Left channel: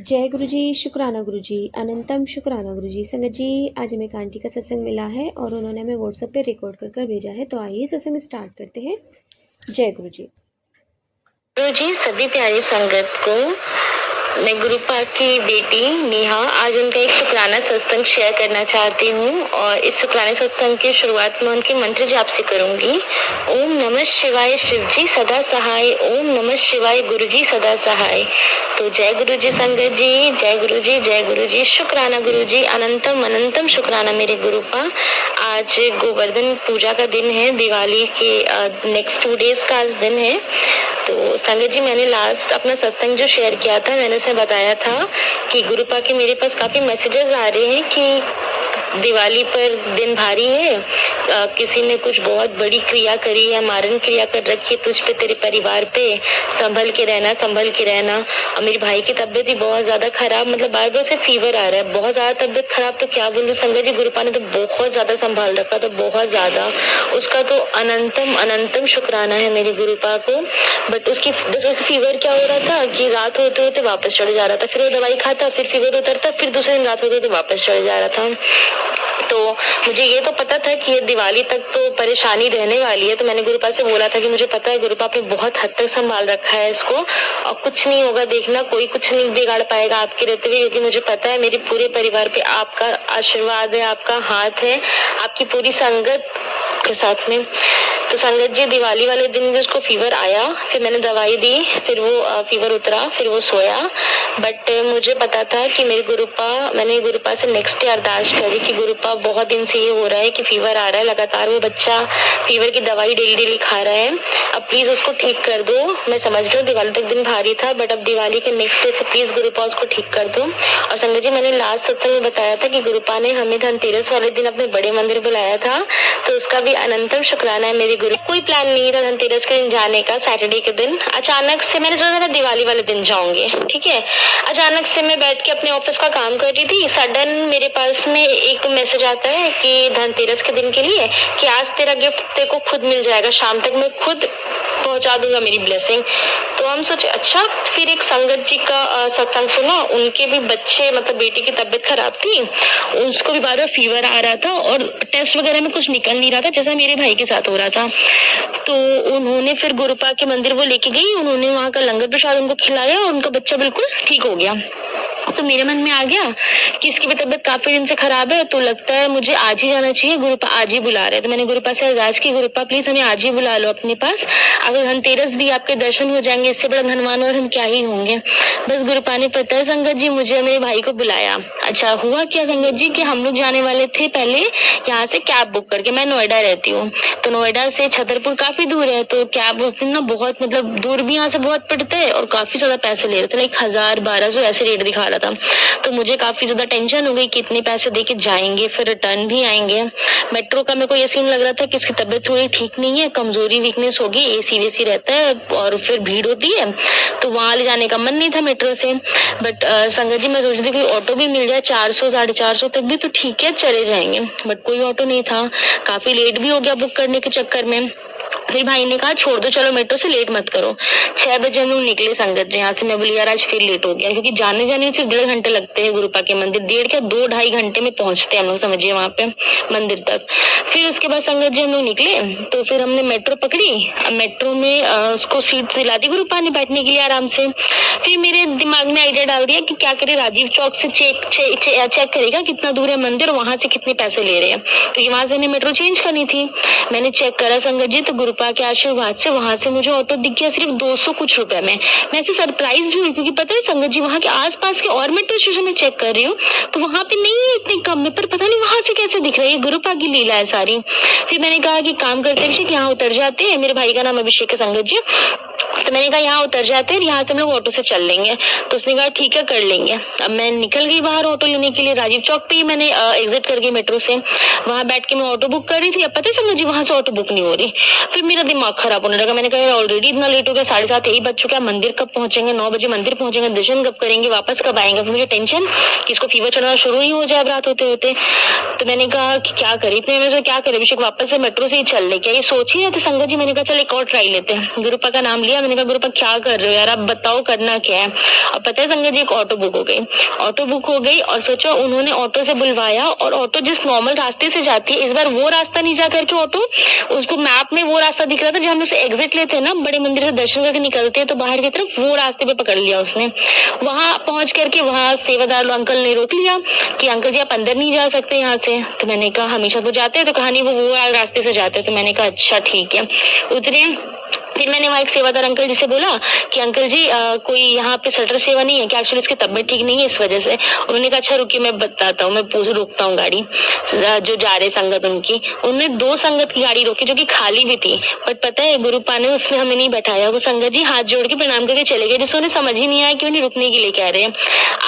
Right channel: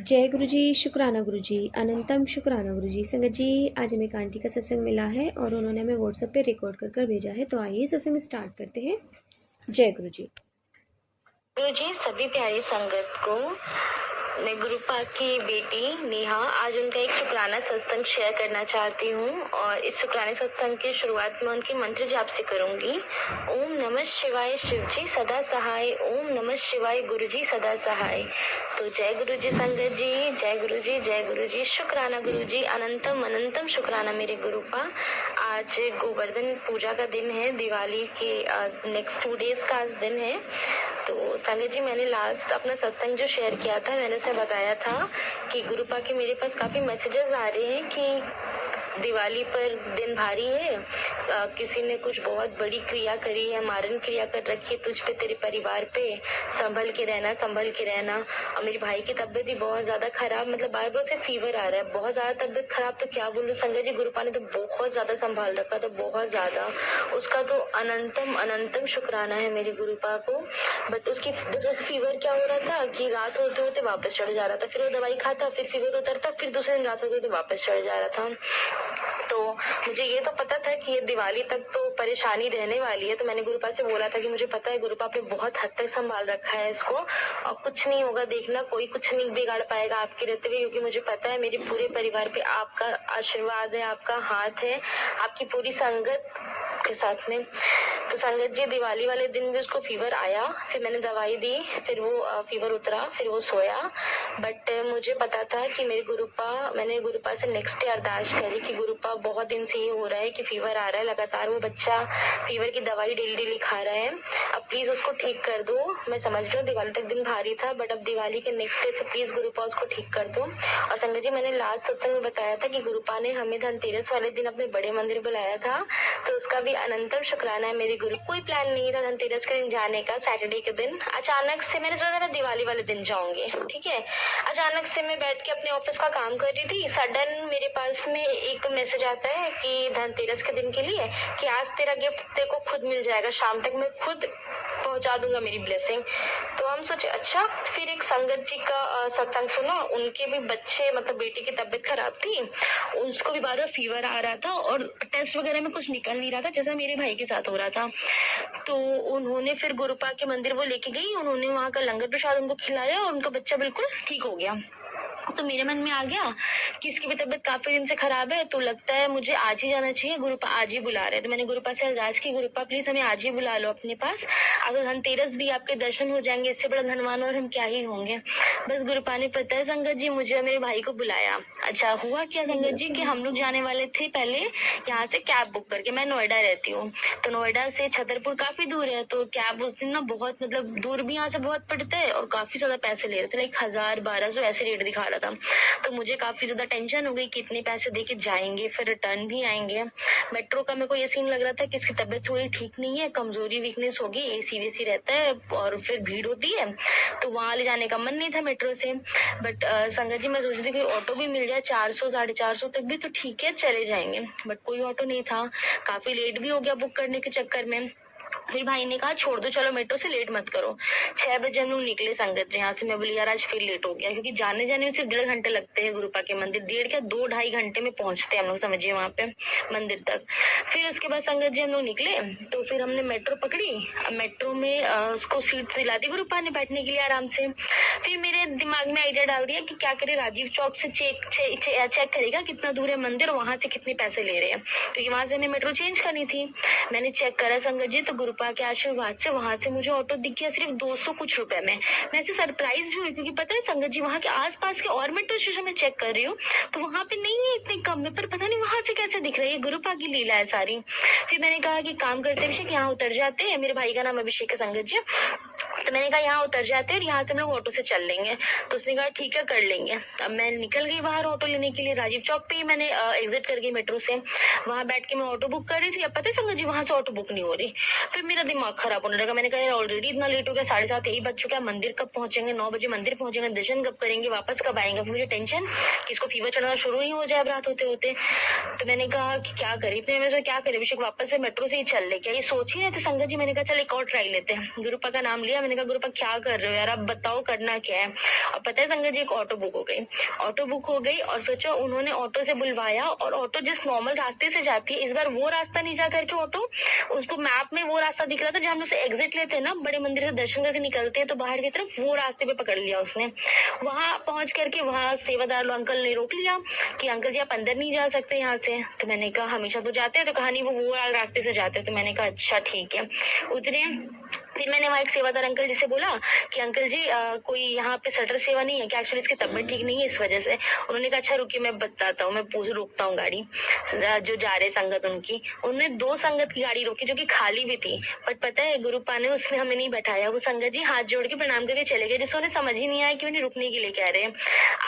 जय गुरु जी, शुक्राना गुरु जी, अनंतम शुक्राना गुरु जी। संगत जी, आज हमें एक आंटी का सत्संग मिला है और उन्होंने हमें व्हाट्सएप पे रिकॉर्ड कर भेजा है। तो आइए सत्संग स्टार्ट करते हैं। जय गुरु जी। गुरु जी, सभी प्यारी संगत को मैं गुरुपा की बेटी नेहा आज उनका एक शुक्राना सत्संग शेयर करना चाहती हूँ और इस शुक्राना सत्संग की शुरुआत में उनके मंत्र जाप से करूंगी। ओम नमः शिवाय शिव जी सदा सहाय, ओम नमः शिवाय गुरु जी सदा सहाय। तो जय गुरु जी संगत जी, जय गुरु जी, जय गुरु जी, शुक्राना गुरु जी, अनंतम अनंतम शुक्राना मेरे गुरुपा। आज गोवर्धन पूजा का दिन है, दिवाली के नेक्स्ट 2 डेज का आज दिन है। तो संगत जी, मैंने लास्ट अपना सत्संग जो शेयर किया था, मैंने उसमें बताया था कि गुरुपा के मेरे पास काफी मैसेजेस आ रहे हैं कि दिवाली पर दिन भारी है, किसी ने कुछ बहुत बड़ी क्रिया करी है, मारण क्रिया कर रखी है तुझ पे, तेरे परिवार पे, संभल के रहना, संभल के रहना। और मेरे भाई की तबीयत भी बहुत ज्यादा खराब, मतलब बार बार से फीवर आ रहा है, बहुत ज्यादा तबीयत खराब। तो क्या बोलूं संगत जी, गुरुपा ने तो बहुत ज्यादा संभाल रखा था, बहुत ज्यादा। उसका तो अनंतम अनंतम शुक्राना है मेरे गुरुपा को। बट उसकी फीवर क्या हो रहा था कि रात होते होते वापस चढ़ जा रहा था, फिर वो दवाई खाता, फिर फीवर उतरता, फिर दूसरे दिन रात होते होते वापस चढ़ जा रहा था। तो मुझे ये तो पता था कि ये दिवाली तक तो परेशानी रहने वाली है। तो मैंने गुरुपा से बोला था कि मुझे पता है गुरुपा, आपने बहुत हद तक संभाल रखा है इसको और कुछ नहीं होगा, देखना कोई कुछ नहीं बिगाड़ पाएगा आपके रहते हुए, क्योंकि मुझे पता है मेरे पूरे परिवार पे आपका आशीर्वाद है, आपका हाथ है, आपकी पूरी संगत के साथ में। तो संगत जी, दिवाली वाले दिन भी उसको फीवर आया, फिर मैंने दवाई दी, फिर वो फीवर उतरा, फिर वो सोया। बट मुझे पता था कि मैंने गुरुपा से नेक्स्ट डे अरदास करी कि गुरुपा, बहुत दिन से ये हो रहा है कि फीवर आ रहा है लगातार, वो बच्चा फीवर की दवाई डेली डेली खा रहा है, अब प्लीज उसको ठीक कर दो। मैं समझ रही हूँ दिवाली तक दिन भारी था, बट अब दिवाली के नेक्स्ट डे से प्लीज गुरुपा उसको ठीक कर दो। और संगत जी, मैंने लास्ट सत्संग में बताया था कि गुरुपा ने हमें धनतेरस वाले दिन अपने बड़े मंदिर बुलाया था, तो उसका भी अनंतम शुक्राना है मेरे गुरु। कोई प्लान नहीं था धनतेरस के दिन जाने का, सैटरडे के दिन अचानक से मैंने सोचा था दिवाली वाले दिन जाऊंगे, ठीक है। अचानक से मैं बैठ के अपने ऑफिस का काम कर रही थी, सडन मेरे पास में एक मैसेज आता है कि धनतेरस के दिन के लिए कि आज तेरा गिफ्ट तेरे को खुद मिल जाएगा, शाम तक मैं खुद पहुंचा दूंगा मेरी ब्लेसिंग। तो हम सोचे अच्छा। फिर एक संगत जी का सत्संग सुना, उनके भी बच्चे मतलब बेटी की तबीयत खराब थी, उसको भी बार बार फीवर आ रहा था और टेस्ट वगैरह में कुछ निकल नहीं रहा था, जैसा मेरे भाई के साथ हो रहा था। तो उन्होंने फिर गुरुपा के मंदिर वो लेके गई, उन्होंने वहां का लंगर प्रसाद उनको खिलाया और उनका बच्चा बिल्कुल ठीक हो गया। तो मेरे मन में आ गया कि इसकी भी तबीयत काफी दिन से खराब है, तो लगता है मुझे आज ही जाना चाहिए, गुरुपा आज ही बुला रहे हैं। तो मैंने गुरुपा से अरदास की, गुरुपा प्लीज हमें आज ही बुला लो अपने पास, अगर धनतेरस भी आपके दर्शन हो जाएंगे, इससे बड़ा धनवान और हम क्या ही होंगे। बस गुरुपा ने पता है संगत जी मुझे मेरे भाई को बुलाया। अच्छा हुआ क्या संगत जी कि हम लोग जाने वाले थे पहले यहाँ से कैब बुक करके, मैं नोएडा रहती हूँ, तो नोएडा से छतरपुर काफी दूर है, तो कैब उस दिन ना बहुत मतलब दूर भी यहाँ से बहुत पड़ता है और काफी ज्यादा पैसे ले रहे थे, लाइक 1000-1200 ऐसे रेट दिखा रहा था। तो मुझे काफी ज्यादा टेंशन हो गई कि इतने पैसे देके जाएंगे फिर रिटर्न भी आएंगे। मेट्रो का मेरे को ये सीन लग रहा था कि इसकी तबीयत थोड़ी ठीक नहीं है, कमजोरी वीकनेस होगी, एसी वेसी रहता है और फिर भीड़ होती है, तो वहां ले जाने का मन नहीं था मेट्रो से। बट संगत जी, मैं सोच रही थी कि ऑटो भी मिल जाए 400-450 तक भी तो ठीक है, चले जाएंगे, बट कोई ऑटो नहीं था, काफी लेट भी हो गया बुक करने के चक्कर में। फिर भाई ने कहा छोड़ दो, चलो मेट्रो से लेट मत करो। 6 बजे हम लोग निकले संगत जी यहाँ से। मैं बोली यार आज फिर लेट हो गया, क्योंकि जाने जाने में सिर्फ 1.5 घंटे लगते हैं गुरुपा के मंदिर, 1.5 क्या 2-2.5 घंटे में पहुंचते हैं हम लोग, समझिए वहां पे मंदिर तक। फिर उसके बाद संगत जी हम लोग निकले, तो फिर हमने मेट्रो पकड़ी, मेट्रो में उसको सीट दिला दी गुरुपा ने बैठने के लिए आराम से। फिर मेरे दिमाग में आइडिया डाल दिया कि क्या करे, राजीव चौक से चेक करेगा कितना दूर है मंदिर, वहां से कितने पैसे ले रहे हैं, क्योंकि वहां से हमें मेट्रो चेंज करनी थी। मैंने चेक करा संगत जी, तो गुरुपा के आशीर्वाद से वहां से मुझे ऑटो दिख गया सिर्फ 200 कुछ रुपए में। मैं ऐसे सरप्राइज भी हुई, क्योंकि पता है संगत जी वहां के आसपास के और मेट्रो स्टेशन में चेक कर रही हूँ तो वहां पे नहीं है इतने कम में, पर पता नहीं वहां से कैसे दिख रही है, गुरुपा की लीला है सारी। फिर मैंने कहा कि काम करते अभिषेक यहाँ उतर जाते हैं, मेरे भाई का नाम अभिषेक है संगत जी, तो मैंने कहा यहाँ उतर जाते हैं, यहाँ से हम लोग ऑटो से चल लेंगे। तो उसने कहा ठीक है कर लेंगे। अब मैं निकल गई बाहर ऑटो लेने के लिए, राजीव चौक पे ही मैंने एग्जिट कर गई मेट्रो से, वहां बैठ के मैं ऑटो बुक कर रही थी। अब पता है समझ वहां से ऑटो बुक नहीं हो रही, फिर मेरा दिमाग खराब होने लगा। मैंने कहा ऑलरेडी इतना लेट हो गया, 7:30 यही बज चुका है, मंदिर कब पहुंचेंगे, 9 बजे मंदिर पहुंचेंगे, दर्शन कब करेंगे, वापस कब आएंगे। फिर मुझे टेंशन कि इसको फीवर चढ़ना शुरू ही हो जाए रात होते होते। तो मैंने कहा कि क्या करे, इतने में क्या करे अभिषेक, वापस से मेट्रो से ही चल ले क्या, ये सोच ही रहे थे संगत जी। मैंने कहा चल एक और ट्राई लेते हैं, गुरुपा का नाम लिया, गया। मैंने कहा गुरुपा क्या कर रहे हो यार, आप बताओ करना क्या है। अब पता है संगत जी, एक ऑटो बुक हो गई। ऑटो बुक हो गई और सोचो उन्होंने ऑटो से बुलवाया, और ऑटो जिस नॉर्मल रास्ते से जाती है, इस बार वो रास्ता नहीं जा करके ऑटो, उसको मैप में वो रास्ता दिख रहा था जहाँ हम उसे एग्जिट लेते हैं ना, बड़े मंदिर से दर्शन करके निकलते हैं तो बाहर की तरफ, वो रास्ते पे पकड़ लिया उसने। वहां पहुंच करके वहां सेवादार अंकल ने रोक लिया कि अंकल जी आप अंदर नहीं जा सकते यहाँ से। तो मैंने कहा हमेशा तो जाते हैं, तो कहा नहीं वो रास्ते से जाते हैं। तो मैंने कहा अच्छा ठीक है, उतरे। फिर मैंने वहाँ एक सेवादार अंकल जी से बोला कि अंकल जी कोई यहाँ पे शटर सेवा नहीं है क्या, एक्चुअली इसकी तबीयत ठीक नहीं है इस वजह से। उन्होंने कहा अच्छा रुकिए मैं बताता हूँ, मैं रोकता हूँ गाड़ी जो जा रहे संगत उनकी। उन्होंने 2 संगत की गाड़ी रोकी जो कि खाली भी थी, बट पता है गुरुपा ने उसमें हमें नहीं बैठाया। वो संगत जी हाथ जोड़ के प्रणाम करके चले गए, जिससे उन्हें समझ ही नहीं आया कि उन्हें रुकने के लिए कह रहे हैं।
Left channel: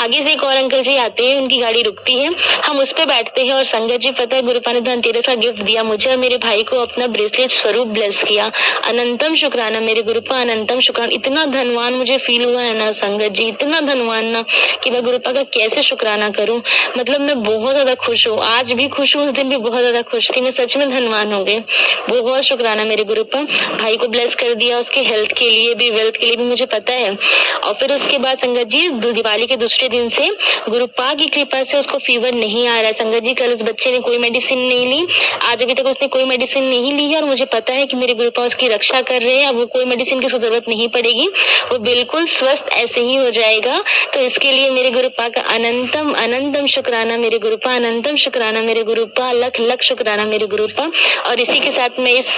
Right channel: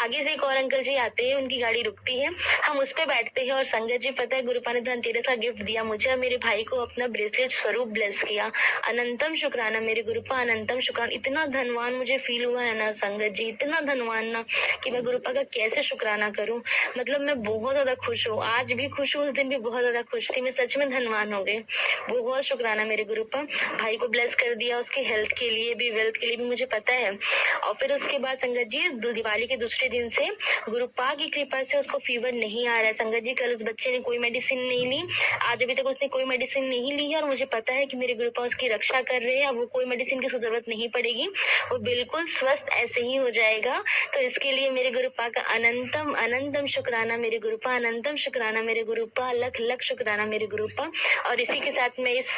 आगे से एक और अंकल जी आते हैं, उनकी गाड़ी रुकती है, हम उस पर बैठते हैं। और संगत जी पता है गुरुपा ने धनतेरस का गिफ्ट दिया मुझे और मेरे भाई को, अपना ब्रेसलेट स्वरूप ब्लेस किया। अनंतम शुक्राना मेरे गुरुपा, अनंतम शुक्राना। इतना धनवान मुझे फील हुआ है ना संगत जी, इतना धनवान ना कि मैं गुरुपा का कैसे शुक्राना करूं। मतलब मैं बहुत ज्यादा खुश हूँ, आज भी खुश हूँ, उस दिन भी बहुत ज्यादा खुश थी। मैं सच में धनवान हो गई। बहुत शुक्राना मेरे गुरुपा। भाई को ब्लेस कर दिया, उसके हेल्थ के लिए भी, वेल्थ के लिए भी, मुझे पता है। और फिर उसके बाद संगत जी दिवाली के दूसरे दिन से गुरुपा की कृपा से उसको फीवर नहीं आ रहा है। संगत जी कल उस बच्चे ने कोई मेडिसिन नहीं ली, आज अभी तक उसने कोई मेडिसिन नहीं ली है, और मुझे पता है कि मेरे गुरुपा उसकी रक्षा कर रहे हैं। अब वो कोई मेडिसिन की जरूरत नहीं पड़ेगी, वो बिल्कुल स्वस्थ ऐसे ही हो जाएगा। तो इसके लिए मेरे गुरुपा का अनंतम अनंतम शुक्राना मेरे गुरुपा, अनंतम शुक्राना मेरे गुरुपा, लख लख शुक्राना मेरे गुरुपा। और इसी के साथ मैं इस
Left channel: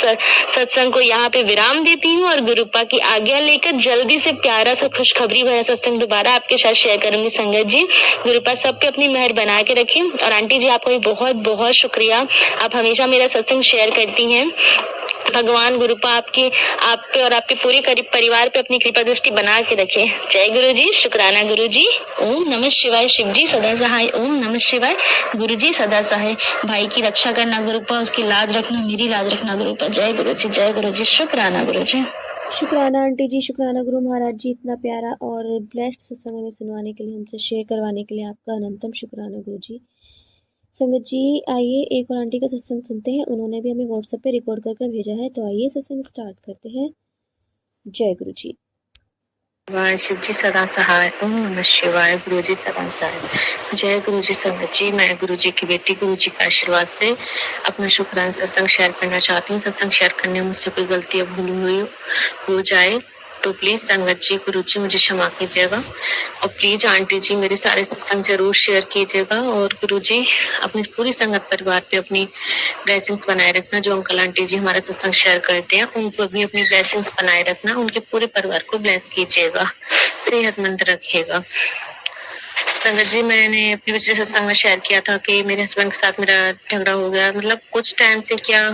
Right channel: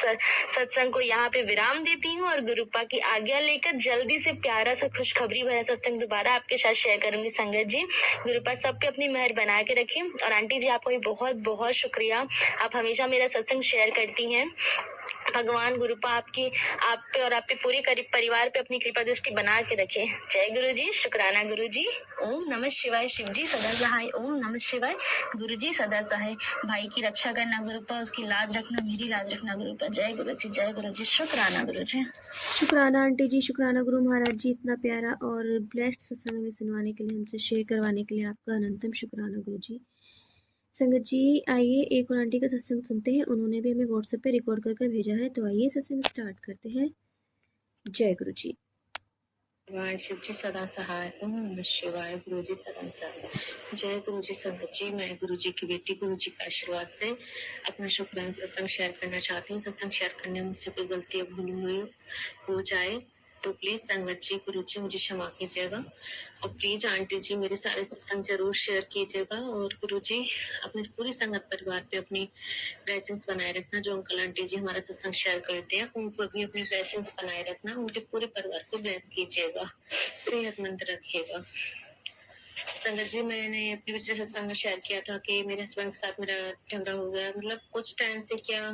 सत्संग को यहाँ पे विराम देती हूँ और गुरुपा की आज्ञा लेकर जल्दी से प्यारा सा खुशखबरी भरा सत्संग दोबारा आपके साथ शेयर करूंगी संगत जी। गुरुपा सब पे अपनी मेहर बना के रखें। और आंटी जी आपका भी बहुत बहुत शुक्रिया, आप हमेशा मेरा सत्संग शेयर करती हैं। भगवान गुरुपा आपकी, आप पे और आपके पूरे परिवार पे अपनी कृपा दृष्टि बना के रखे। जय गुरु जी, शुक्राना गुरु जी। ओम नमः शिवाय, शिव जी सदा सहाय। ओम नमः शिवाय, गुरु जी सदा सहाय। भाई की रक्षा करना गुरुपा, उसकी लाज रखना, मेरी लाज रखना गुरुपा। जय गुरु जी, जय गुरु जी, शुक्राना गुरु जी। शुक्राना आंटी जी, शुक्राना गुरु महाराज जी, इतना प्यारा और ब्लेस्ड सत्संग हमें सुनवाने के लिए, हमसे शेयर करवाने के लिए आपका अनंतम शुक्राना गुरु जी। संगत जी आइए एक और आंटी का सत्संग सुनते हैं, उन्होंने भी हमें व्हाट्सएप पे रिकॉर्ड करके भेजा है। तो आइए सत्संग स्टार्ट करते हैं। जय गुरु जी। शिवाय, शिव जी सदा सहाय। ओम नमः शिवाय, गुरु जी सदा सहाय। जय गुरु जी। संगत जी मैं गुरु जी की बेटी, गुरु जी के आशीर्वाद से अपना शुक्राना सत्संग शेयर करना चाहती हूँ। सत्संग शेयर करने में मुझसे कोई गलती या भूल हुई हो जाए तो प्लीज संगत जी, गुरु जी मुझे क्षमा कीजिएगा। और प्लीज आंटी जी मेरे सारे सत्संग जरूर शेयर कीजिएगा। और गुरु जी अपनी पूरी संगत परिवार पे अपनी ब्लेसिंग्स बनाए रखना। जो अंकल आंटी जी हमारा सत्संग शेयर करते हैं उनको भी अपनी ब्लेसिंग्स बनाए रखना। उनके पूरे परिवार को ब्लेस कीजिएगा, सेहतमंद रखिएगा। संगत जी मैंने अपने पिछले सत्संग में शेयर किया था कि मेरे हस्बैंड के साथ मेरा झगड़ा हो गया। मतलब कुछ टाइम से, क्या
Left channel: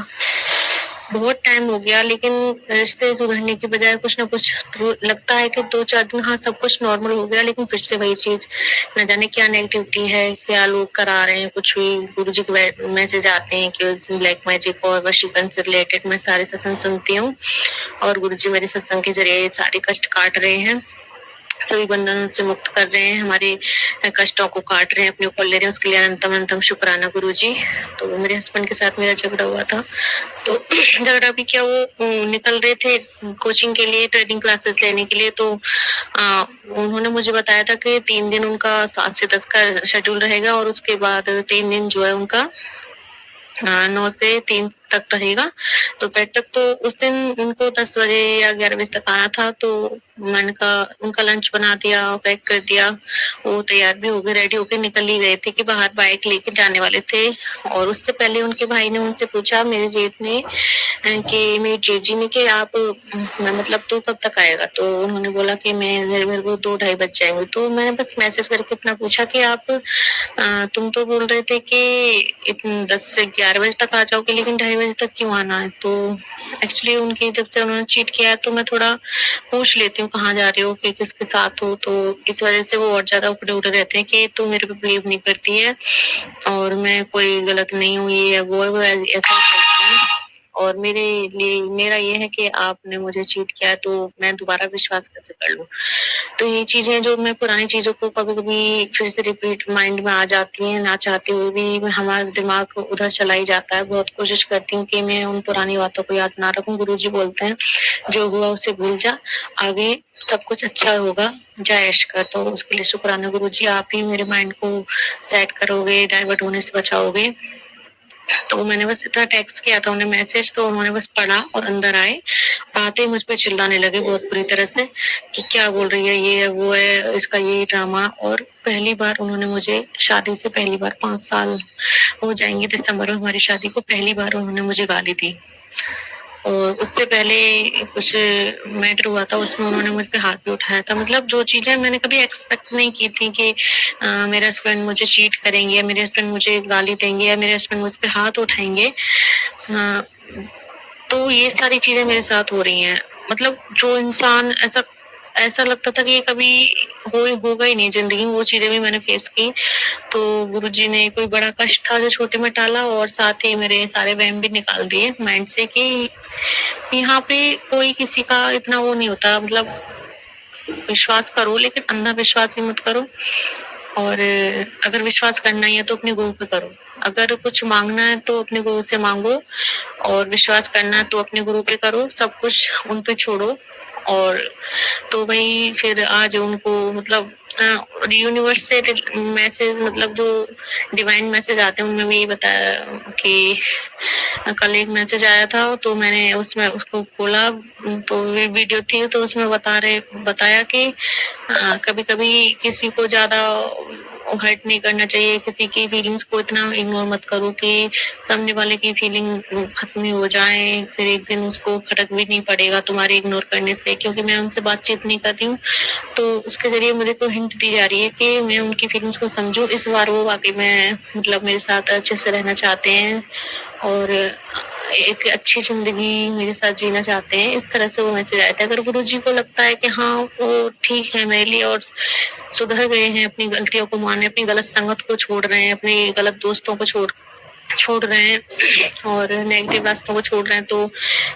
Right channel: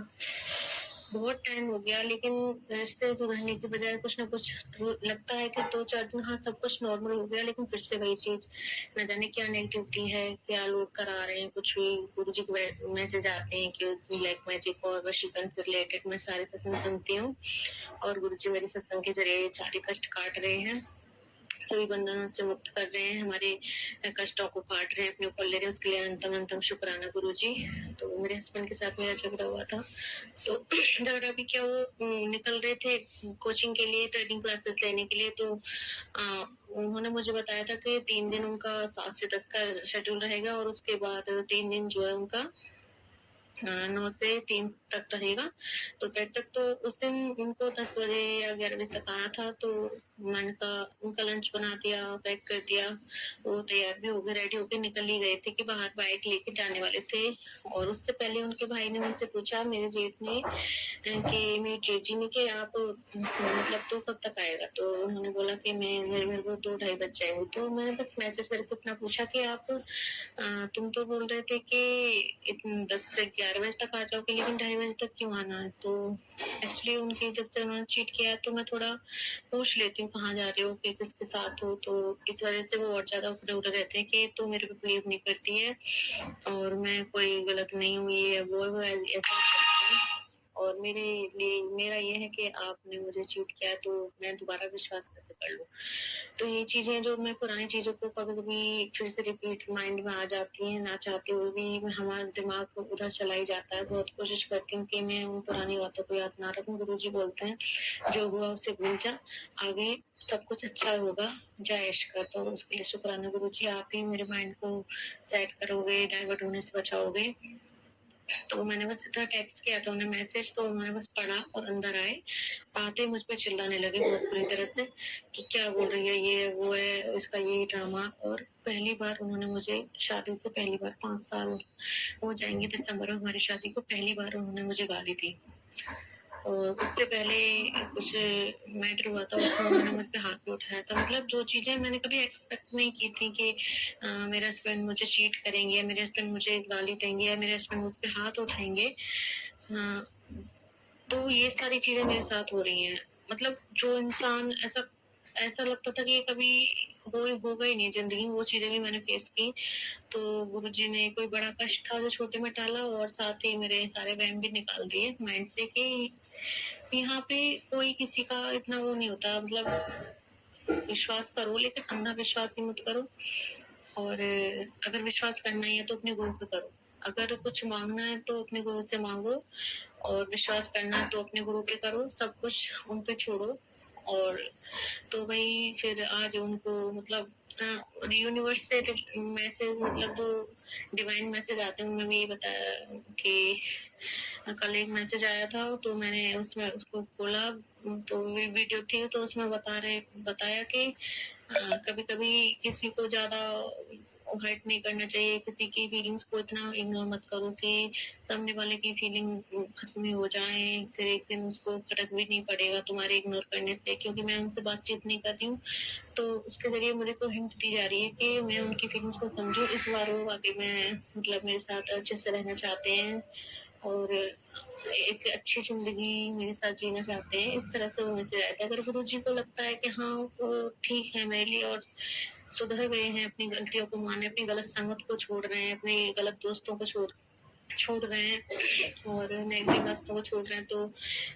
बहुत टाइम हो गया, लेकिन रिश्ते सुधरने की बजाय कुछ ना कुछ लगता है कि 2-4 दिन हाँ सब कुछ नॉर्मल हो गया, लेकिन फिर से वही चीज, न जाने क्या नेगेटिविटी है, क्या लोग करा रहे हैं, कुछ भी गुरु जी के मैसेज आते हैं कि ब्लैक मैजिक और वशीकरण से रिलेटेड। मैं सारे सत्संग सुनती हूँ और गुरु जी मेरे सत्संग के जरिए सारे कष्ट काट रहे हैं, सभी बंधनों से मुक्त कर रहे हैं, हमारे कष्टों को काट रहे हैं, अपने ऊपर ले रहे हैं। उसके लिए अनंतम अनंतम शुक्राना गुरु जी। तो मेरे हस्बैंड के साथ मेरा झगड़ा हुआ था, तो झगड़ा भी क्या, वो निकल रहे थे कोचिंग के लिए, ट्रेडिंग क्लासेस लेने के लिए। तो उन्होंने मुझे बताया था कि 3 दिन उनका 7 से 10 का शेड्यूल रहेगा और उसके बाद 3 दिन जो है उनका 9 से 3 तक रहेगा दोपहर तक। तो उस दिन उनको 10 बजे या 11 बजे तक आना था, तो मैंने कहा उनका लंच बना दिया, पैक कर दिया, वो तैयार भी हो गए, रेडी होके निकल ही गए थे कि बाहर बाइक लेके जाने वाले थे। और उससे पहले उनके भाई ने उनसे पूछा, मेरे जेठ ने, कि मेरी जेजी ने, कि आप मतलब तू कब तक आएगा। तो उन्होंने बोला कि मेरे को 2-2:30 बज जाएंगे। तो मैंने बस मैसेज करके इतना पूछा कि आप तुम तो बोल रहे थे कि 10 से 11 बजे तक आ जाओगे, लेकिन 2:30 बजे तक क्यों आना है। तो एक्चुअली उनकी जब से उन्होंने चीट किया तो मैं थोड़ा पूछ लेती हूँ कहाँ जा रहे हो, कि किसके साथ हो। तो इस वजह से वो और ज्यादा उकड़े उड़े रहते हैं कि तू मेरे पे बिलीव नहीं करती है और मैं कोई गलत नहीं हूँ, ये वो ऐसा बोलते हैं। और मेरे लिए मेरा ये है कि आपने मुझे चीट किया है तो मैं दोबारा विश्वास कैसे कर लूँ? तो ये चीज़ें जो मैं पुरानी चीज़ों को कभी-कभी फिर से रिपीट माइंड में आ जाती हैं, ना चाहते हुए भी हमारा दिमाग उधर चला ही जाता है। बहुत कोशिश करती हूँ कि मैं उन पुरानी बातों को याद ना रखूँ। गुरुजी बोलते हैं, "जो हुआ उसे भूल जा, आगे सब कुछ अच्छा होगा, जा ऐश कर।" तो उसके लिए शुक्राना गुरुजी, आप ही मेरे माइंड को सेट करोगे, डाइवर्ट होने से बचाओगे। तो मैंने बस इतना टेक्स्ट किया था उन्हें मैसेज, तो उन्होंने बस पढ़ा और अंदर आए। आते ही मुझ पे चिल्लाने लगे बहुत बुरी तरह से कि क्या बोल रही है, ये है, वो है, इसका यही ड्रामा। और पहली बार उन्होंने मुझे शादी से पहली बार 5 साल हो जाएँगे दिसंबर में हमारी शादी को, पहली बार उन्होंने मुझे गाली दी। और उससे पहले कुछ मैटर हुआ था, उसमें उन्होंने मुझ पे हाथ भी उठाया था। मतलब जो चीज़ें मैंने कभी एक्सपेक्ट नहीं की थी कि मेरे हस्बैंड मुझे चीट करेंगे या मेरे हस्बैंड मुझे गाली देंगे या मेरे हस्बैंड मुझ पे हाथ उठाएँगे। तो ये सारी चीज़ें मेरे साथ हो रही हैं। मतलब जो इंसान ऐसा ऐसा लगता था कि ये कभी होगा ही नहीं ज़िंदगी में, वो चीज़ें भी मैंने फेस की। तो गुरुजी ने कोई बड़ा कष्ट था जो छोटे में टाला और साथ ही मेरे सारे वहम भी निकाल दिए माइंड से कि यहाँ पे कोई किसी का इतना वो नहीं होता। मतलब विश्वास करो लेकिन अंधा विश्वास भी मत करो। और अगर विश्वास करना ही है तो अपने गुरु पे करो। अगर कुछ मांगना है तो अपने गुरु से मांगो और विश्वास करना है तो अपने गुरु पे करो। सब कुछ उन पे छोड़ो। और तो वही फिर आज उनको मतलब यूनिवर्स से मैसेज, मतलब जो डिवाइन मैसेज आते हैं उनमें भी यही बताया कि कल एक मैसेज आया था तो मैंने उसमें उसको खोला, तो वीडियो थी तो उसमें बताया कि कभी-कभी किसी को ज़्यादा हर्ट नहीं करना चाहिए, किसी की फीलिंग्स को इतना इग्नोर मत करो कि सामने वाले की फीलिंग खत्म ही हो जाए, फिर एक दिन उसको फ़र्क भी नहीं पड़ेगा तुम्हारे इग्नोर करने से। क्योंकि मैं उनसे बातचीत नहीं कर रही हूँ, तो उसके ज़रिए मुझे को हिंट दी जा रही है कि मैं उनकी फीलिंग्स को समझूँ। इस बार वो वाक़ई में मतलब मेरे साथ अच्छे से रहना चाहते हैं और एक अच्छी ज़िंदगी मेरे साथ जीना चाहते हैं। इस तरह से वो मैसेज आया था। अगर गुरुजी को लगता है कि हाँ, वो ठीक है मेरे लिए और सुधर गए हैं, अपनी गलतियों को मान रहे हैं, अपनी गलत संगत को छोड़ रहे हैं, अपने गलत दोस्तों को छोड़ रहे हैं और नेगेटिव रास्तों को छोड़ रहे हैं, तो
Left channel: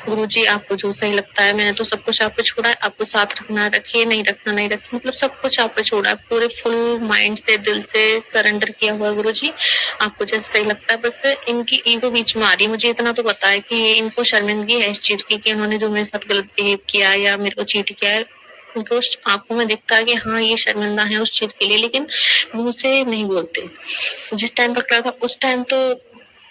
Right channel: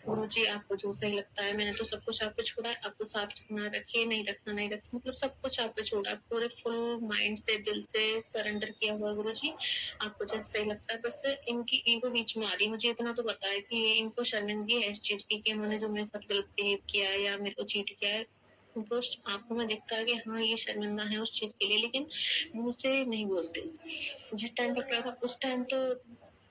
गुरुजी आपको जो सही लगता है, मैंने तो सब कुछ आप पे छोड़ा है, आपको साथ रखना रखिए, नहीं रखना नहीं रखिए, मतलब सब कुछ आप पे छोड़ा है, पूरे फुल माइंड से, दिल से सरेंडर किया हुआ है गुरुजी। आपको जैसे सही लगता है, बस इनकी ईगो बीच में आ रही है। मुझे इतना तो पता है कि इनको शर्मिंदगी है इस चीज की कि उन्होंने जो मेरे साथ गलत बिहेव किया या मेरे को चीट किया है। उनको आंखों में दिखता है कि हाँ ये शर्मिंदा है उस चीज के लिए, लेकिन मुंह से नहीं बोलते। जिस टाइम पकड़ा था उस टाइम तो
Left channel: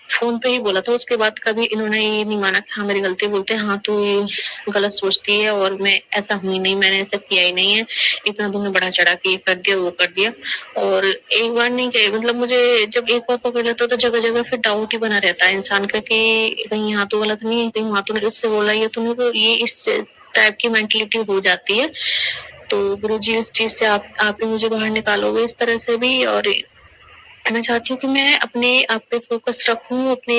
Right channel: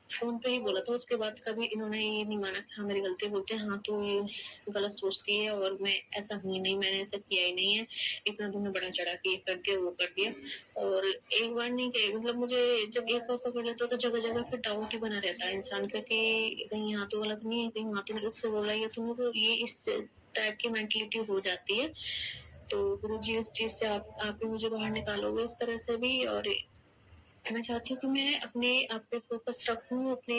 फोन पे ही बोला था, उसके बाद कभी इन्होंने ये नहीं माना कि हाँ मेरी गलती, बोलते हाँ तू ये गलत सोचती है और मैं ऐसा हुई नहीं, मैंने ऐसा किया ही नहीं है, इतना तुमने बड़ा चढ़ा के ये कर दिया वो कर दिया। और एक बार नहीं कहे, मतलब मुझे जब एक बार पकड़ लेता तो जगह जगह फिर डाउट ही बना रहता है इंसान का कि कहीं यहाँ तो गलत नहीं है, कहीं वहाँ तो उससे बोला ये तूने, तो ये इस टाइप की मेंटलिटी हो जाती है। तो गुरुजी इस चीज से आप ही मुझे बाहर निकालोगे इस तरह से भी। और मैं चाहती हूँ कि मैं अपने आप पे फोकस रखूँ, अपने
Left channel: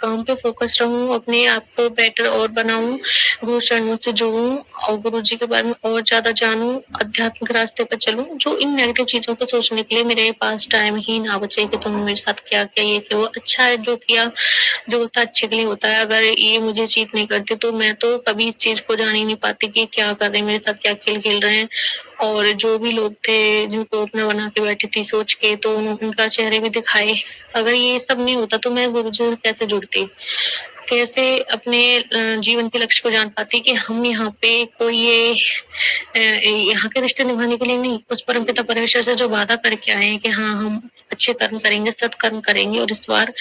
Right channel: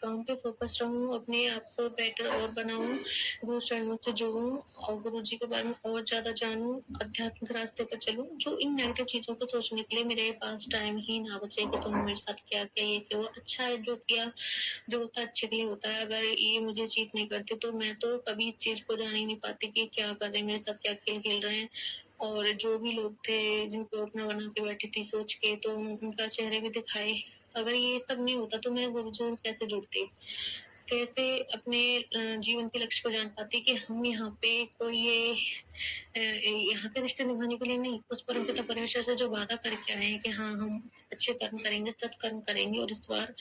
काम पे फोकस रहूँ, अपने आप को बेटर और बनाऊँ, गुरु चरणों से जुड़ूँ और गुरुजी के बारे में और ज़्यादा जानूँ, आध्यात्मिक रास्ते पर चलूँ। जो इन नेगेटिव चीज़ों को सोचने के लिए मेरे पास टाइम ही ना बचे कि तुमने मेरे साथ क्या किया, ये किया, वो अच्छा है जो किया, जो होता है अच्छे के लिए होता है। अगर ये मुझे चीट नहीं करते तो मैं तो कभी इस चीज़ को जान ही नहीं पाती कि क्या कर रहे हैं, मेरे साथ क्या खेल खेल रहे हैं। और जो भी लोग थे जिनको अपना बना के बैठी थी सोच के, तो उनका चेहरे भी दिखाए। अगर ये सब नहीं होता तो मैं गुरुजी से कैसे जुड़ती, कैसे अपने जीवन के लक्ष्य को जान पाती कि हम यहाँ पे कोई ये यहाँ के रिश्ते निभाने के लिए नहीं, उस परमपिता परमेश्वर से जो वादा करके आए हैं कि हाँ हम अच्छे कर्म करेंगे, सत्कर्म करेंगे और इस बार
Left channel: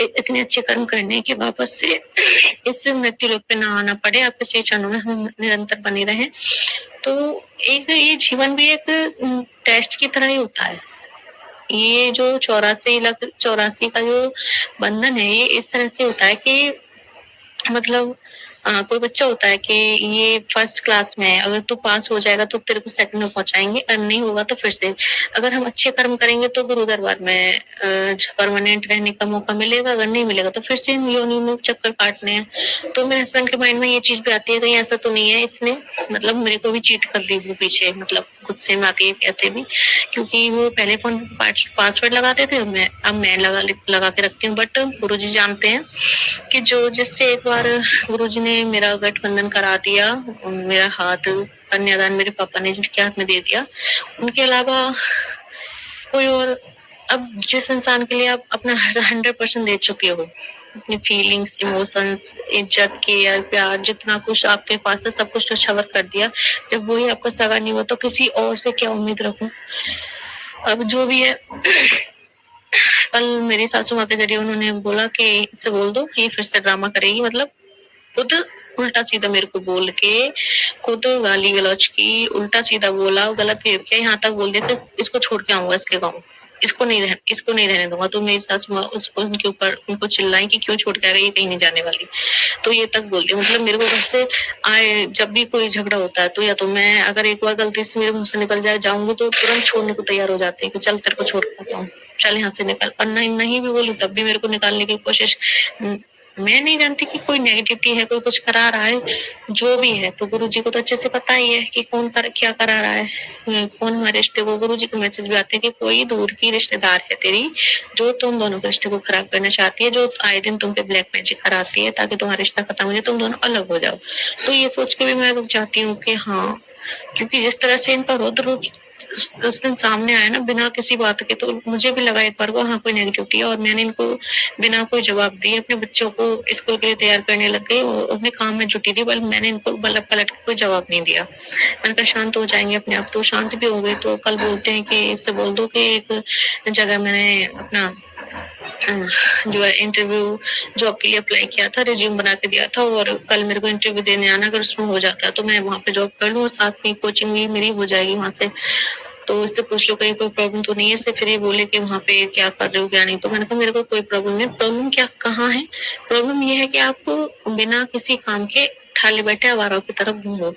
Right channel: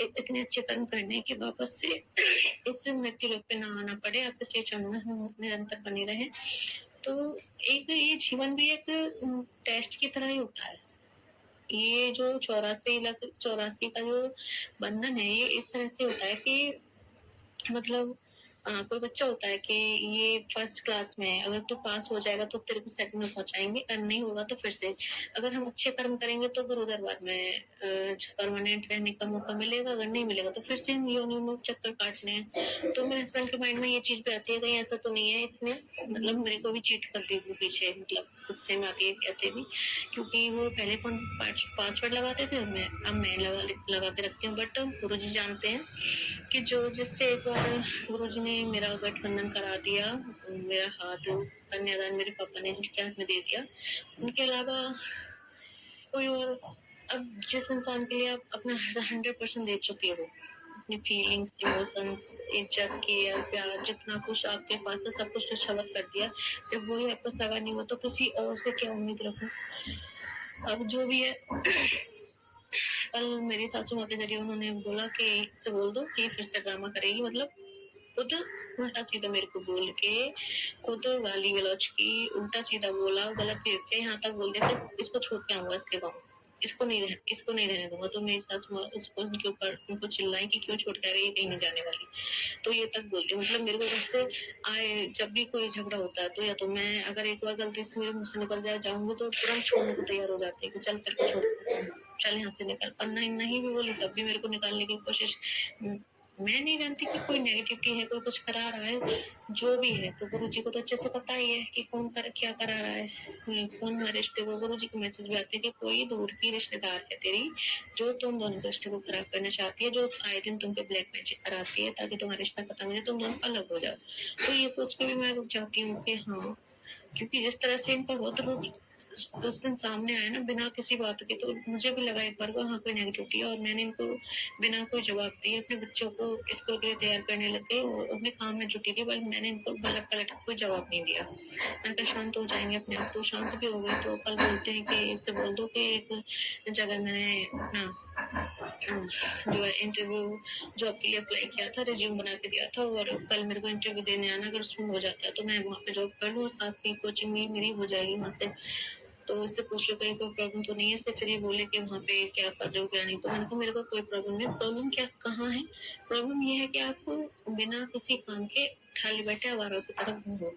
इतने अच्छे कर्म करने के वापस से इस मृत्यु लोक पे ना आना पड़े, आपके श्री चरणों में हम निरंतर बने रहें। तो एक ये जीवन भी एक टेस्ट की तरह ही होता है। ये जो 84 का जो बंधन है, ये इस तरह से होता है कि मतलब कोई बच्चा होता है कि ये फर्स्ट क्लास में है, अगर तू पास हो जाएगा तो तेरे को सेकंड में पहुंचाएंगे, और नहीं होगा तो फिर से। अगर हम अच्छे कर्म करेंगे तो गुरु दरबार में परमानेंट रहने का मौका मिलेगा, अगर नहीं मिलेगा तो फिर से योनि में चक्कर काटने हैं। तो मेरे हस्बैंड के माइंड में ये चीज भी आती है कहीं ऐसा तो नहीं है इसने मतलब मेरे को भी चीट कर ली वो पीछे, मतलब गुस्से में आके कहते भी, क्योंकि वो पहले फोन पासवर्ड लगाते थे, अब मैं लगा के रखती हूँ। बट गुरुजी जानते हैं कि जो जिससे एक बार गुरुजी ने मेरा गठबंधन करा दिया, मेरा हाथ कन्यादान मेरे पापा ने जिनके हाथ में दे दिया, उनके अलावा कोई और, अब जिस इंसान के लिए आप अपना 100% दे चुके हो, अपनी फीलिंग्स, इमोशंस, इज्जत, केयर, प्यार, जितना कुछ आपके पास था सब कुछ छवर कर दिया, जब वही आपका सगा नहीं हुआ तो किसी और से क्या उम्मीद रखूं। अब जो भी है कल मेरी सासू माँ के जरिए उन्होंने बोला कि इससे बोल दो कि फिर से ड्रामा करेगी, मतलब खुद उल्टा सीधा मेरे को बोल के, खुद गाली गलौज की, उल्टा सीधा बोला, गलत बिहेव किया, यहाँ तक बोल दिया कि इसको छोड़ के आऊंगा इसके गाँव, इसको नहीं रहने दूंगा। तो मेरी सासू माँ उसको उनके ऊपर उनको चिल्लाई कि क्यों छोड़ के आ गई, ये कहीं नहीं जाने वाली। तो ये तक बोल दिया, मतलब मेरे को घर से आए जब भी कोई झगड़ा होता है तो या तो मैं अगर एक बार गलती से मेरे मुंह से निकल जाऊंगी तो तुरंत छोड़ने को तैयार हो जाते हैं कि चल तेरे को छोड़ के आता हूँ, चल यहाँ से निकल। और नहीं भी बोली तब भी मेरे को निकालने की कोशिश। मैं नहीं जानती कि कोई नेगेटिविटी है, कोई कुछ करा रहा है, जो भी है तो गुरुजी को तो अच्छे से पता ही है कि क्या करा रहा है, कौन हमारे रिश्ते को। गुरुजी के मैसेज भी आते हैं कि कोई दूर की रिश्तेदार है तेरी जो तुम दोनों के रिश्ते को खराब करना चाहती है, जो आए दिन तुम पे ब्लैक मैजिक कराती है ताकि तुम्हारा रिश्ता खत्म हो जाए, तुम दोनों अलग हो जाओ। तो ये सोच के भी मैं रुक जाती हूँ कि हाँ, क्योंकि जिस तरह से इनका रौद्र रूप उस दिन सामने आया ना बिना किसी बात के, तो मुझे भी लगा एक बार को हाँ कोई नेगेटिविटी है, और मैंने इनको बिना कोई जवाब दिए अपने बच्चों को स्कूल के लिए तैयार करने लग गई और अपने काम में जुटी थी, बल्कि मैंने इनको पलट के कोई जवाब नहीं दिया। मैंने कहा शांत हो जाएंगे अपने आप, तो शांत भी हो गई। तो कल बोलते हैं कि इससे बोल दो कि एक जगह मैंने अपना जो है इंटरव्यू जॉब के लिए अप्लाई किया था, रिज्यूम बना के दिया था, और कल मेरे को इंटरव्यू देने आना, अगर उसमें हो जाता है तो मैं वहाँ पे जॉब कर लूँ और साथ में कोचिंग भी मेरी हो जाएगी वहाँ से। तो इससे पूछ लो कहीं कोई प्रॉब्लम तो नहीं है। इससे फिर ये बोले कि वहाँ पे क्या कर रहे हो क्या नहीं, तो मैंने कहा मेरे को कोई प्रॉब्लम नहीं। प्रॉब्लम क्या कहाँ है? प्रॉब्लम ये है कि आप बिना किसी काम के खाली बैठे आवारों की तरफ घूमो।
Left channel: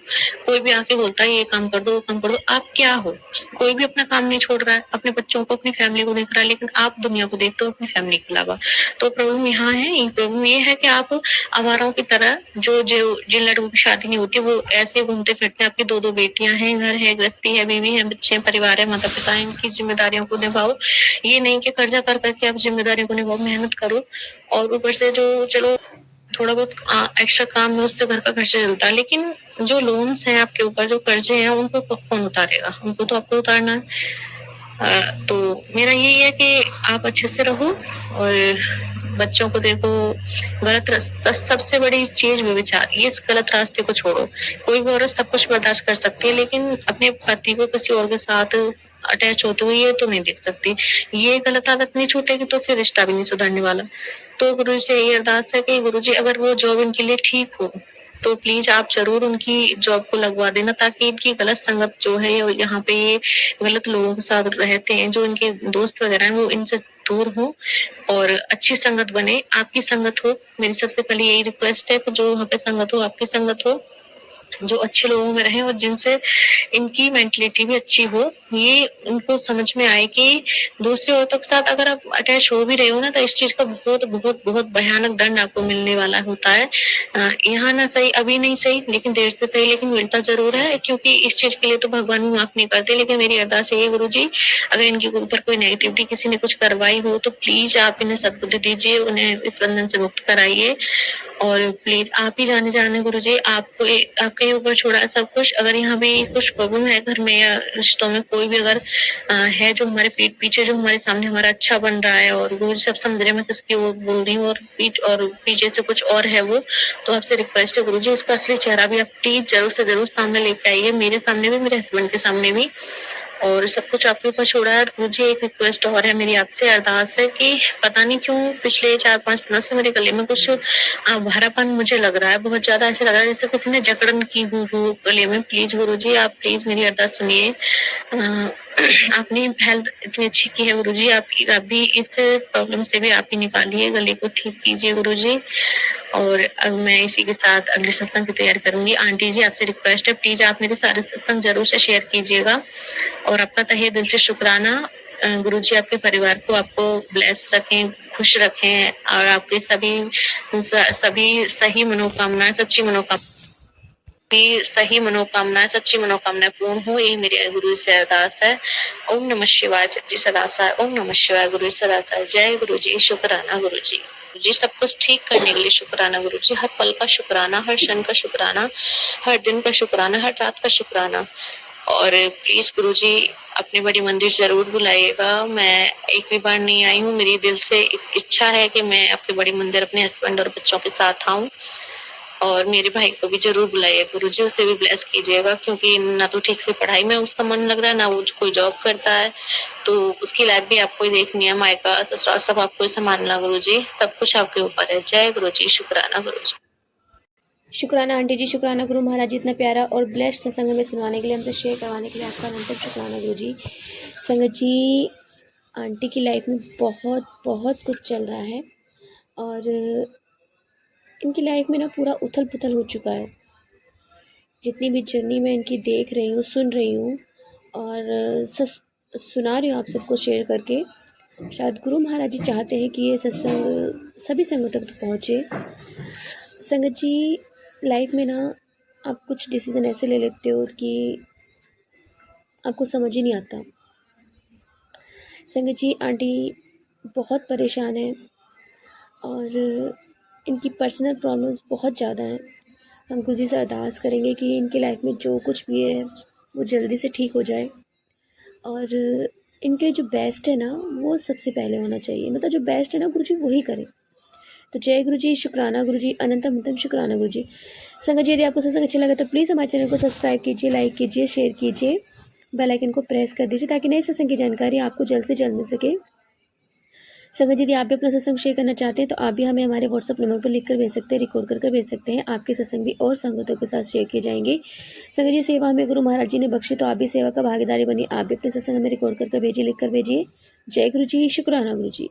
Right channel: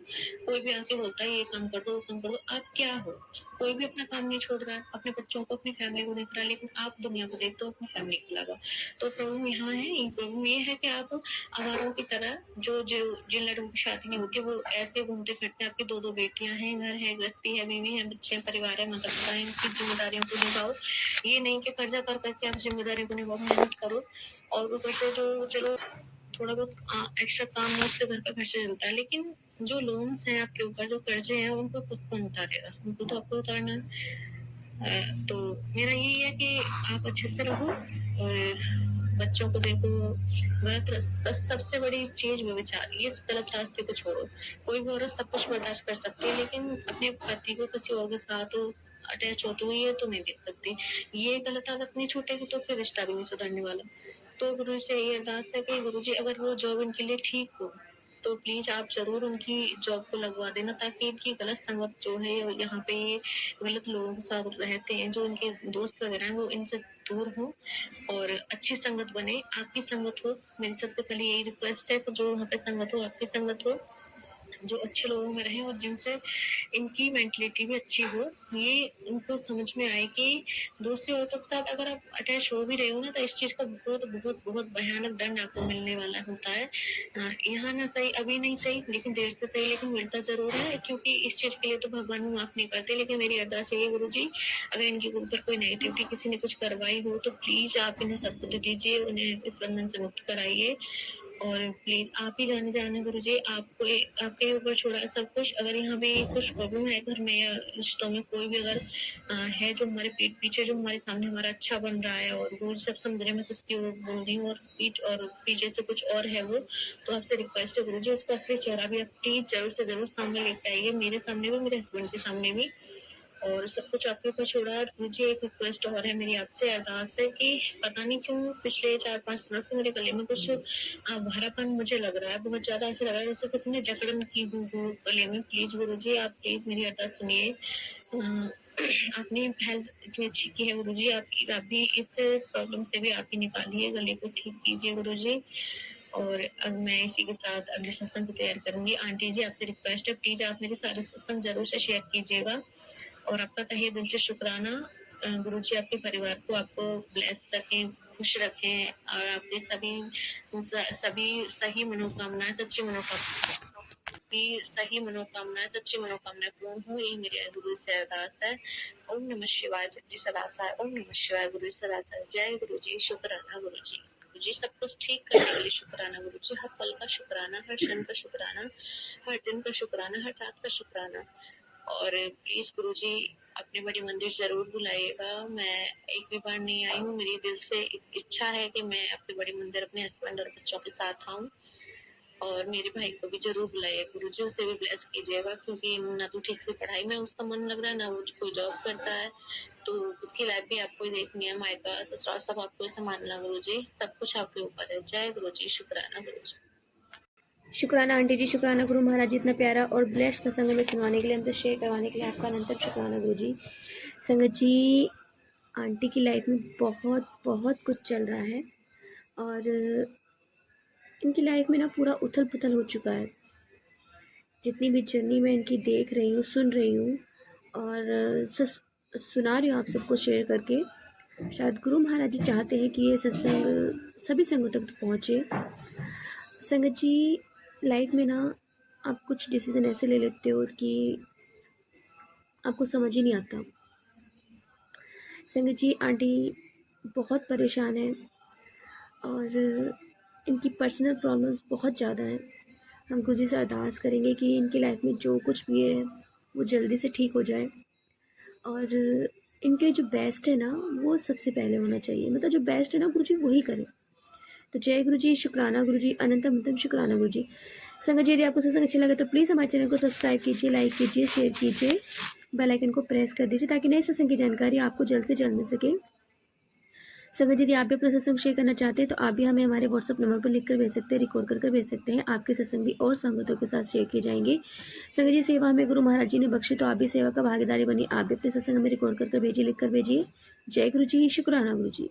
कोई भी आके बोलता है ये काम कर दो वो काम कर दो, आप क्या हो? कोई भी अपना काम नहीं छोड़ रहा है, अपने बच्चों को अपनी फैमिली को देख रहा है, लेकिन आप दुनिया को देखते हो अपनी फैमिली के अलावा। तो प्रॉब्लम यहाँ है, प्रॉब्लम ये है कि आप आवारों की तरह जो जो जिन लड़कों की शादी नहीं होती वो ऐसे घूमते फिरते हैं। आपकी 2 बेटियां हैं, घर है, गृहस्थी है, बीवी है, बच्चे हैं, परिवार है, माता पिता है, इनकी जिम्मेदारियों को निभाओ। ये नहीं कि कर्जा कर करके आप जिम्मेदारियों को निभाओ, मेहनत करो। और ऊपर से जो चलो थोड़ा बहुत एक्स्ट्रा काम है उससे घर का खर्चा चलता है, लेकिन जो लोन्स हैं आपके ऊपर, जो कर्जे हैं, उनको कौन उतारेगा? उनको तो आपको उतारना है। तो मेरा यही है कि आप अच्छे से रहो और बच्चों को देखो। सबसे बड़ी चीज व्यभिचार, ये इस गलत रास्ते को छोड़ो। कोई भी औरत सब कुछ बर्दाश्त कर सकती है, लेकिन अपने पति को किसी और के साथ अटैच होते हुए ये तो नहीं देख सकती। ये गलत आदत नहीं छूटेगी तो फिर रिश्ता भी नहीं सुधरने वाला। तो गुरु से यही अरदास है कि गुरु जी अगर वो जॉब इनके लिए ठीक हो तो प्लीज आप जरूर उनकी जॉब को लगवा देना, ताकि इनकी गलत संगत जो है यहाँ पे ये गलत लोगों के साथ रहते हैं, जो इनके दोस्त वगैरह हैं वो इनसे दूर हो और अच्छी संगत बने, आपकी संगत हो। मेरी सबसे पहले यही रिक्वेस्ट है कि जो वहाँ पे संगत हो आपकी संगत हो, जो अच्छे लोगों में रहे और जिनसे इनकी मेंटलिटी भी अच्छी हो। ये उनको समझ में आए कि दूसरी औरतों के साथ अगर आप अटैच हो भी रहे हो ना तो इस चीज का बहुत बहुत बहुत भयानक दंड आपको मिलने वाला होता है। यहाँ ना सही, अभी नहीं सही, लेकिन देर से सही, लेकिन मिलता जरूर है, क्योंकि इस चीज के लिए तो भगवान भी माफ नहीं करते। लेकिन मेरी अरदास है गुरु जी, अगर इनके ऊपर कोई नेगेटिविटी किसी ने कुछ करवाई हो तो प्लीज आप इन्हें सद्बुद्धि दीजिए, उन्हें इस बंधन से मुक्त कराइए। और प्लीज आप ही जाने गुरु जी, आपको आपके ऊपर छोड़ा है सब कुछ। अगर यहाँ भी कुछ प्रॉब्लम है घर में या रिश्तों में, कोई भी अगर है जो हमारे पीठ पीछे, जो हमारे सामने हमारा अच्छा बन रहा है और गुरु जी सब समझ रहे, मैं किसकी वो बोल रही हूँ, और पीछे से कुछ और है वो, तो आपसे रिक्वेस्ट है गुरु जी उसका असली चेहरा भी आप प्लीज जरूर से जरूर सामने लेके आइए, मेरे सामने भी, मेरे हस्बैंड के सामने भी। और सब कुछ आपके ऊपर छोड़ा है। मुझे एक रिक्वेस्ट और है, मेरी आपसे अरदास है कि पता नहीं क्यों पिछले 4-5 दिनों से मेरे गले में कुछ भारापन मुझे लग रहा है, बहुत ज्यादा ऐसे लग रहा है जैसे किसी ने जकड़न की हो गले में। प्लीज गुरुजी आप प्लीज मेरी अरदास सुनिए। आपने हेल्थ इतनी अच्छी की है गुरुजी, आप भी इस प्रॉब्लम से भी आप ही निकालिए, गले को ठीक कीजिए गुरुजी। और अब मैं इसी के साथ अगले सत्संग की तैयारी करूंगी। आंटी जी आपसे रिक्वेस्ट है प्लीज आप मेरे सारे सत्संग जरूर से शेयर कीजिएगा। और आपका तहे दिल से शुक्राना। गुरुजी आपके परिवार को आपको ब्लेस रखें, खुश रखें और आपके सभी सही मनोकामनाएं, सच्ची मनोकामना की सही मनोकामनाएं, सच्ची मनोकामनाएं पूर्ण हो, यही मेरी गुरु जी से अरदास है। ओम नमः शिवाय। जपजी सदा सहाय। ओम नमः शिवाय। गुरु जी सदा सहाय। जय गुरु जी। शुक्राना गुरु जी। जी सब कुछ ठीक करने के लिए शुक्राना गुरु जी। हर पल का शुक्राना, हर क्षण का शुक्राना, हर दिन का शुक्राना, हर रात का शुक्राना। और प्लीज गुरुजी अपनी बड़ी मंदिर जरूर बुलाइएगा। मैं एक भी बार नहीं आई हूँ। मेरी दिल से एक इच्छा है कि मैं अपनी बड़ी मंदिर अपने हस्बैंड और बच्चों के साथ आऊं। और मेरे भाई को भी जरूर बुलाइए गुरुजी, उसे भी ब्लेस कीजिएगा, क्योंकि ना तो ठीक से पढ़ाई में उसका मन लग रहा है, ना वो कोई जॉब करता है। तो उसकी लाइफ भी आपको ही देखनी है, मायका ससुराल सब आपको ही संभालना गुरुजी। सब कुछ आपके ऊपर है। जय गुरुजी। शुक्राना गुरुजी। शुक्राना आंटी जी, शुक्राना गुरु महाराज जी, इतना प्यारा और ब्लेस्ड सत्संग में सुनवाने के लिए, हमसे शेयर करवाने के लिए आपका अनंत शुक्राना गुरु जी। संगत जी, आंटी की लाइफ में बहुत बहुत कुछ चल रहा है और इनकी लाइफ में ना पूरा उथल पुथल हो चुका है। जितनी भी जर्नी मैं इनकी देख रही हूँ, सुन रही हूँ और सुना रही हूँ आप सबको शेयर करके, शायद गुरु महाराज जी चाहते हैं कि ये सत्संग सभी संगों तक पहुँचे। संगत जी, लाइफ में ना आप कुछ डिसीज़न ऐसे ले लेते हो कि आपको समझ ही नहीं आता। संगत जी, आंटी बहुत परेशान है और इनकी पर्सनल प्रॉब्लम्स बहुत ज़्यादा हैं। हम गुरुजी से अरदास करेंगे कि इनकी लाइफ में जो कुछ भी है वो जल्दी से ठीक हो जाए और इनके जो बेस्ट है ना वो सबसे पहले होना चाहिए। मतलब जो बेस्ट है ना गुरुजी वही करें। तो जय गुरुजी, शुक्राना गुरुजी, अनंतम अनंतम शुक्राना गुरुजी। संगत जी, यदि आपको सत्संग अच्छा लगा तो प्लीज़ हमारे चैनल को सब्सक्राइब कीजिए, लाइक कीजिए, शेयर कीजिए, बेल आइकन को प्रेस कर दीजिए ताकि नए सत्संग की जानकारी आपको जल्द से जल्द मिल सके। संगत जी, यदि आप भी अपना सत्संग शेयर करना चाहते हैं तो आप भी हमें हमारे व्हाट्सअप नंबर पर लिख कर भेज सकते हैं, रिकॉर्ड कर भेज सकते हैं। आपके सत्संग भी और संगतों के साथ शेयर किए जाएंगे। संगत जी, सेवा हमें गुरु महाराज जी ने बख्शी तो आप भी सेवा का भागीदारी बनी। आप भी अपने सत्संग में रिकॉर्ड कर भेजिए, लिख कर भेजिए। जय गुरु जी, शुक्राना गुरु जी।